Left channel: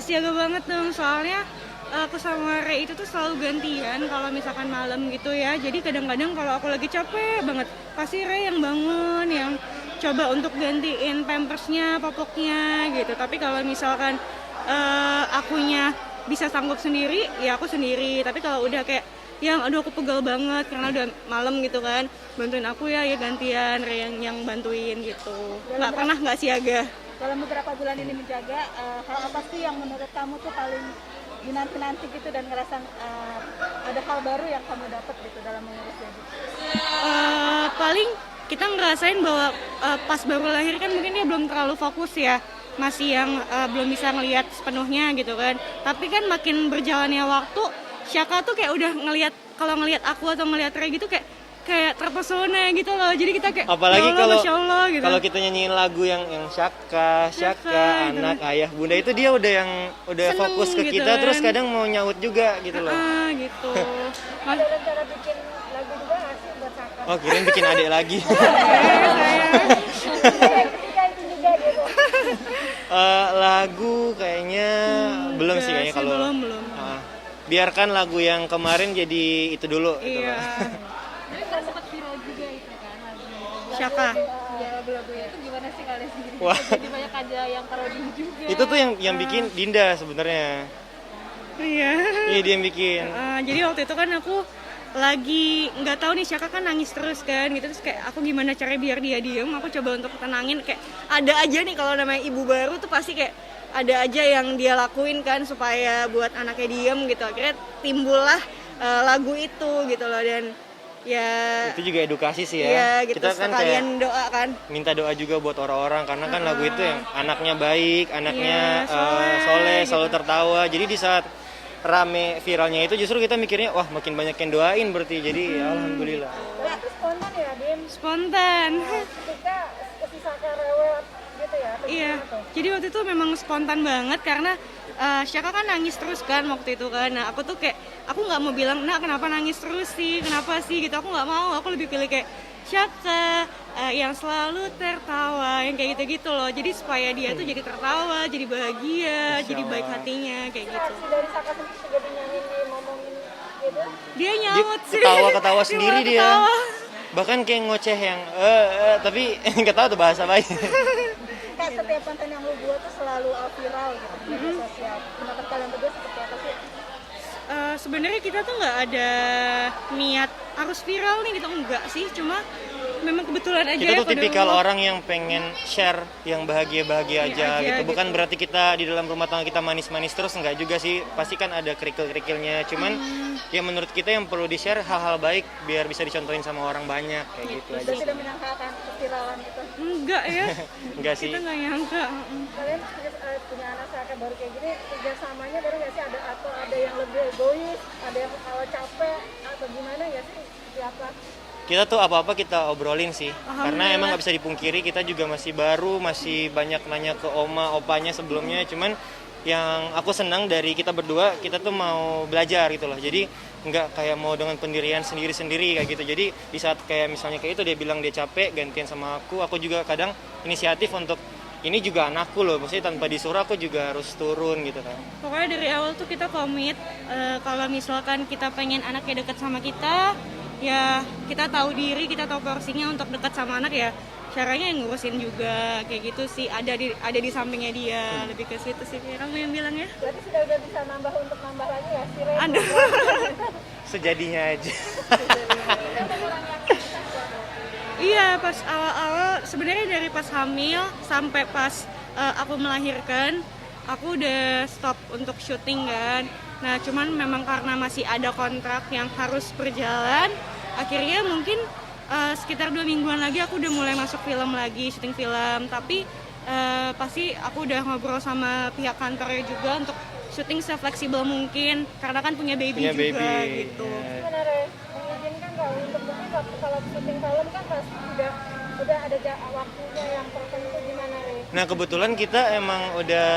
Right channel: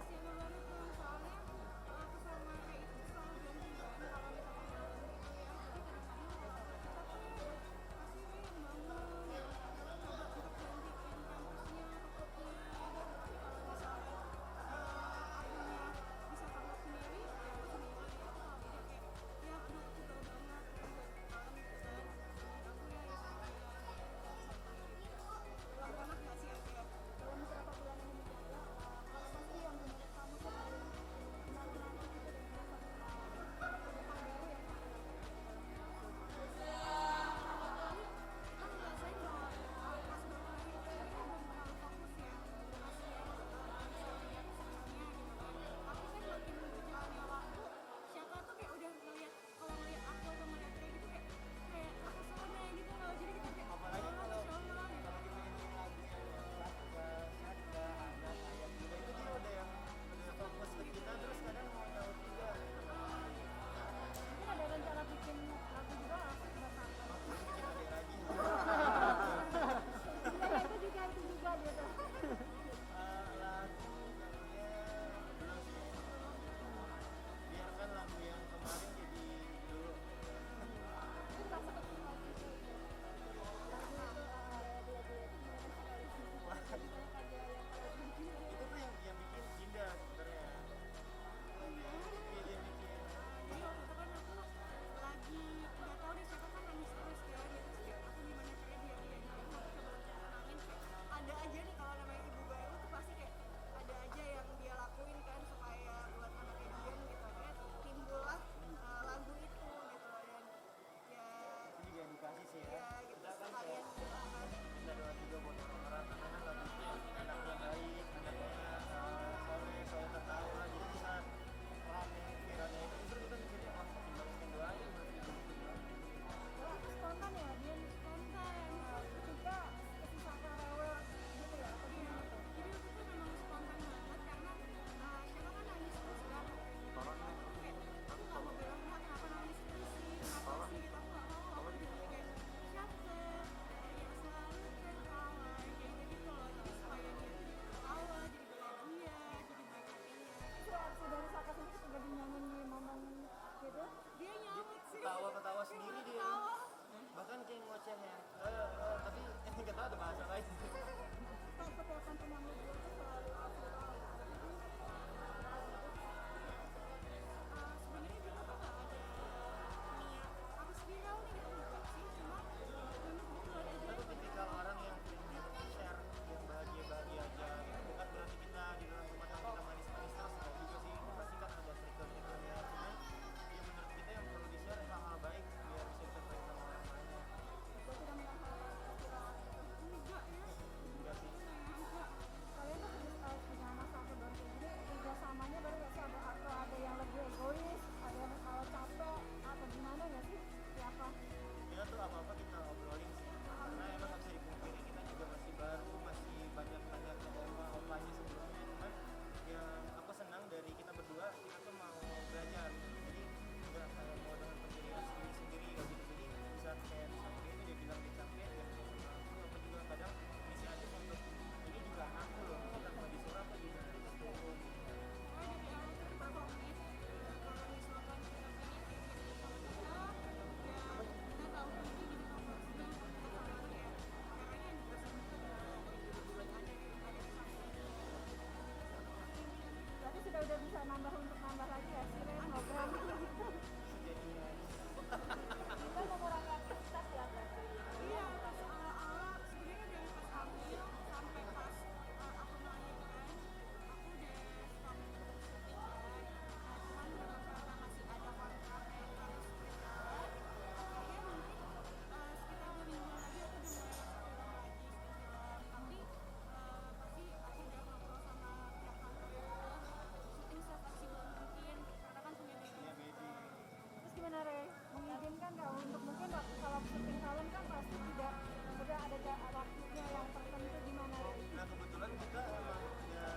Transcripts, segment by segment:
siaga banget dong, soalnya aku sama Ray itu tuh selalu gantian kalau misalkan malam gitu ya. Jadi kadang-kadang kalau aku lagi capek banget, pasti Ray yang bangun, yang coba untuk gantiin pampersnya, popoknya gitu. Tapi kalau misalkan akunya bisa sanggup sendiri, ya aku sendiri. Tapi kalau udah kayak yang aduh aku pegal banget karena udah malam gitu kan, bantuin aku ya gantian Ray yang bantuin gitu. Nggak siaga. Dalam beberapa bulan ini menjaga, hal apa sih yang menurut kamu tuh paling dinanti-nanti gitu dan ngerasa ada hal baru yang kamu dapat gitu dalam mengurus baby? Paling kita ngerasain bahwa pas baru lahir kan mungkin dia belum terlalu fokus ya, masih yang belum bisa ngelihat sepenuhnya gitu kan. Tapi kan makin berjalannya waktu, Syaka tuh kayak udah kalau ngelihat aku atau ngelihat Ray gitu kayak terpesona gitu loh. Jadi kita kayak apalagi Masya Allah gitu. Kalau kita nyanyiin lagu yang Syaka, anak, ayah, bunda, itu dia udah Seneng fokus ke gitu kita kan. Terus kadang mau nyaut juga gitu loh. Gitu. Ada rencana bikin lagu juga nggak sih buat Saka? Oh, kirain bikin adik lagi. Ketika itu juga gitu. Lagu kayaknya belum sih kayaknya kalau belum. biarkan lagu yang kemarin jadi itu dulu gitu Iya. loh. Tapi kan sempat viral juga itu kan lagunya. Syaka. Ya lagu-lagunya itu gimana sih kalian sendiri? Wah. Jadi banyak aja yang parodi juga. Itu tuh yang bikin Dinda sebenarnya. Iya. Iya, dia yang bikin. Jadi waktu itu kan aku lagi nggak tahu nih, Syaka kan nangis terus kan gitu, terus kayak aku gimana caranya biar dia diem, aku coba untuk tenangin, kayak ada aja nih kalau namanya ibu baru tuh pasti kayak ada aja yang dia lakuin kan supaya buat anaknya diem gitu. Akhirnya timbullah lagu itu gitu loh, dan ya Itu juga edukasi sih ya. iya, gitu, Kita kan sekalian kayak doa kan. minta doa juga buat orang-orang karena kan lagu itu yang anaknya baik, anaknya Iya, soleh, gitu. selalu tertawa. Jadi di saat rame viralnya itu justru kita mikirnya wah makin banyak yang doain berarti. Jadi ya alhamdulillah. Dan itu spontan ya, Dim? Spontan. Ketika si Saka rewel gitu ya? Atau Iya, gimana tuh? jadi waktu itu memang spontan banget karena Syaka kan nangis terus kan waktu itu kan. Nah aku tuh kayak, aku nggak mau bilang, nah kenapa nangis terus sih, kenapa sih gitu. Aku nggak mau, aku lebih pilih kayak Syaka yang selalu tertawa, yang kayak gitu-gitu loh. Jadi supaya dia tuh jadi tertawa, jadi bahagia, jadi baik hatinya, kayak gitu. Reaksi dari Saka sendiri juga dinyanyiin, ngomongin gitu? Dia Dia nyaut sih. ketawa-ketawa sendiri malah dia. ketawa. Bahkan kayak ngoceh yang tapi nggak tahu tuh bahasa baik. Kayak setiap konten yang lu buat tuh selalu viral gitu di media sosial. Pendapat kalian berdua seperti apa sih? Sebenarnya kita tuh nggak ada niat harus viral nih gitu, enggak sih, cuma memang kebetulan aja Kita ya tuh tipikal qadarullah. orang yang pengen share yang bahagia-bahagia aja aja gitu. Bukan gitu. berarti kita di dalam rumah tangga kita manis-manis terus, enggak juga sih. Pasti kan ada kerikil-kerikilnya. Cuman ya menurut kita yang perlu di-share hal-hal baik biar bisa dicontohin sama orang banyak kayak gitu aja. Dan tidak menyangka akan keviralan gitu. Enggak ya, Enggak sih. kita nggak nyangka. Kalian punya anak Saka baru kayak gini, kerjasamanya baru nggak sih? Ada yang lebih egois, ada yang kalau capek atau gimana nggak sih? Siapa? Kita tuh apa-apa kita obrolin sih. Karena Alhamdulillah. emang nggak bisa dipungkiri kita juga masih baru, masih banyak nanya ke oma, opanya sebelumnya. Cuman yang aku senang dari kita berdua, kita tuh mau belajar gitu loh. Jadi nggak kayak mau dengan pendirian sendiri-sendiri kayak gitu. Jadi di saat kayak misalnya kayak itu dia bilang dia capek, gantian sama aku juga kadang inisiatif untuk ini juga anakku loh. Maksudnya tanpa disuruh aku juga harus turun gitu kan. Pokoknya dari awal tuh kita komit, kalau misalkan kita pengen anaknya deket sama kita, ya kita tahu diri, kita tahu porsinya untuk dekat sama anak, ya caranya yang ngurusin juga kayak gitu sih, ada di sampingnya dia, lebih ke situ sih kamu yang bilang ya. Berarti sudah bisa nambah untuk nambah lagi ya si Ren? Aduh. Sejadinya aja. Iya, pas awal-awal sebenarnya dari pas hamil sampai pas aku melahirkan, aku udah stop untuk syuting kan. Nah, cuman memang karena masih ada kontrak yang harus berjalan, akhirnya mungkin sekitar 2 mingguan lagi aku udah mulai masuk film lagi, syuting film. Tapi pasti aku udah ngobrol sama pihak kantornya juga untuk syuting se-fleksibel mungkin, karena kan punya baby Punya juga baby. gitu. Ya. Gimana Re? Mengizinkan nggak untuk mungkin kalau syuting film kan pasti udah ada waktunya yang tertentu, gimana Re? Nah kebetulan kita emang udah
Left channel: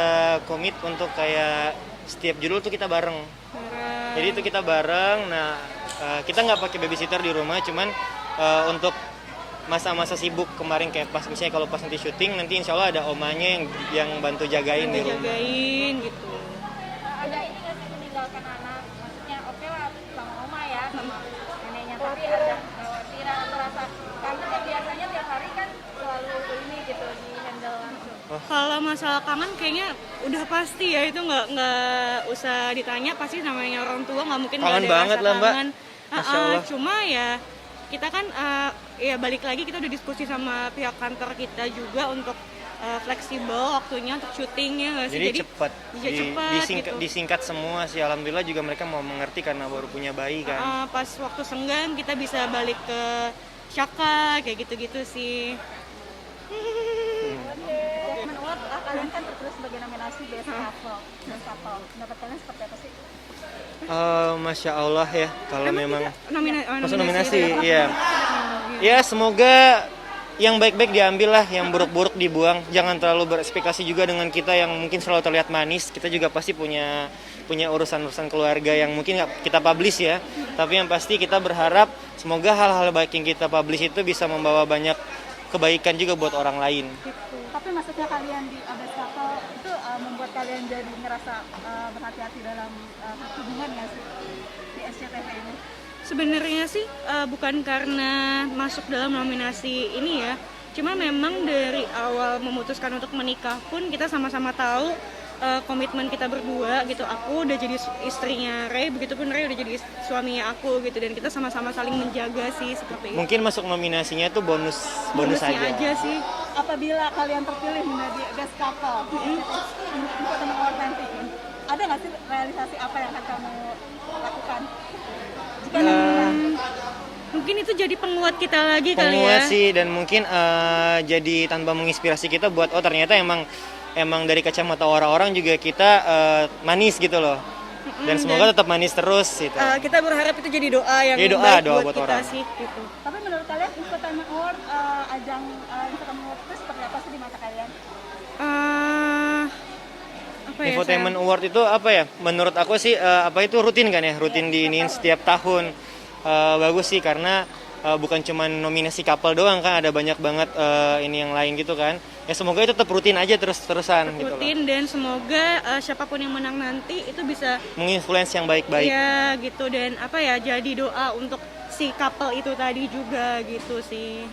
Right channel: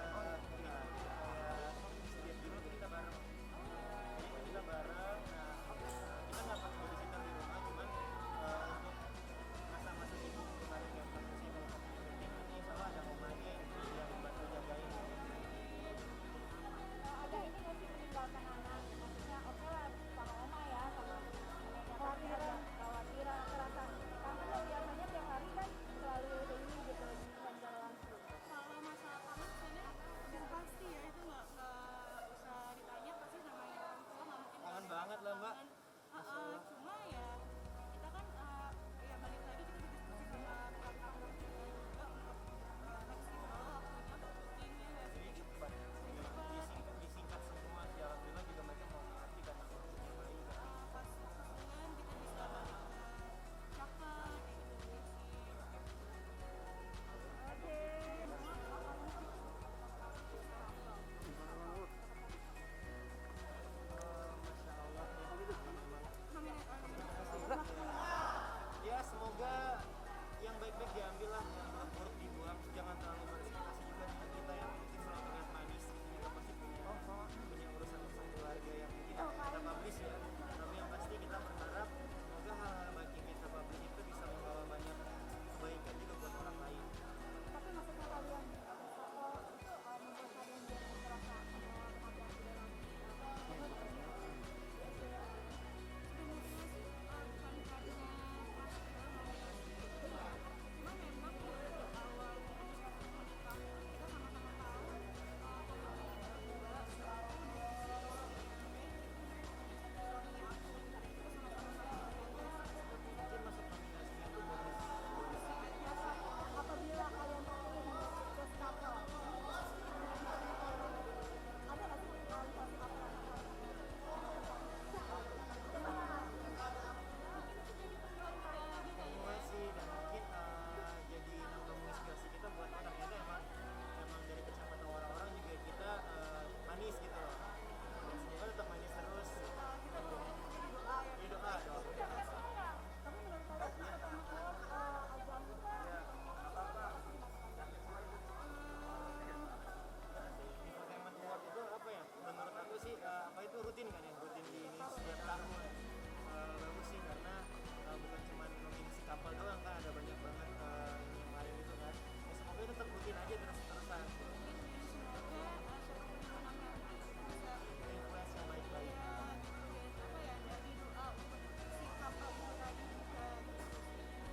komit untuk kayak setiap judul tuh kita bareng. Jadi itu kita bareng. Nah kita nggak pakai babysitter di rumah, cuman untuk masa-masa sibuk kemarin kayak pas misalnya kalau pas nanti syuting nanti insya Allah ada omanya yang bantu jagain di rumah. Jagain gitu. kangen kayaknya udah pasti ya, itu nggak usah ditanya, pasti namanya orang tua nggak mungkin nggak Kangen ada banget rasa lah, Mbak. kangen. Masya Allah. Cuma ya kita kan ya balik lagi kita udah diskusi sama pihak kantor kita juga untuk fleksibel waktunya untuk syutingnya nggak sih, Jadi cepat, ya cepat gitu. disingkat semua sih. Alhamdulillah juga mereka mau mengerti karena baru punya bayi kan. Pas waktu senggang kita bisa balik ke Syaka kayak gitu-gitu sih. Oke. Jackman Award kalian kan terpilih sebagai nominasi Best Couple. Best Couple. Pendapat kalian seperti apa sih? Masya Allah ya, kalau memang masuk nominasi, itu iya. Ya semoga yang baik-baik diambil lah, yang buruk-buruk dibuang. Jangan terlalu berekspektasi juga dengan kita yang mungkin selalu terlihat manis. Kita juga pasti punya urusan-urusan keluarga yang mungkin nggak kita publish ya. Tapi yang pasti kita berharap semoga hal-hal baik yang kita publish itu bisa membawa banyak kebaikan juga buat orang lain. Tapi maksudnya kalian di Best Couple itu membuat kalian jadi ngerasa berhati-hati dalam hubungan nggak sih di SCTV ini? Sebenarnya sih bukan karena masuk dalam nominasi ini ya, cuma memang dari awal memutuskan untuk menikah pun kita sama-sama tahu komitmen kita berdua gitu. Aku udah jadi istrinya Ray, begitupun Ray udah jadi suaminya aku gitu, dan kita sama-sama saling menjaga sih seperti itu. Mungkin masuk nominasinya itu bonus Bonusnya aja. sih. Apabila kalian terpilih menjadi Best Couple di Entertainment Award nanti, ada nggak sih realisasi apa yang akan kamu lakukan? Jika ada peluang. Mungkin itu jadi penguat kita lagi kali ya. Penguat sih, dan mungkin jadi tanpa menginspirasi kita buat ternyata emang dari kacamata orang-orang juga kita manis gitu loh. Dan semoga tetap manis terus gitu. Kita berharap itu jadi doa yang Jadi doa baik buat buat kita orang. sih gitu. Tapi menurut kalian Entertainment Award, ajang Entertainment Award itu seperti apa sih di mata kalian? Apa ya? Infotainment Award itu apa ya? Menurut aku sih itu rutin kan ya, rutin diiniin setiap tahun. Bagus sih karena bukan cuma nominasi couple doang kan, ada banyak banget ini yang lain gitu kan. Ya semoga itu tetap rutin aja terus-terusan gitu loh. Rutin, dan semoga siapapun yang menang nanti itu bisa Menginfluence yang baik-baik. ya gitu, dan apa ya, jadi doa untuk si couple itu tadi juga gitu sih.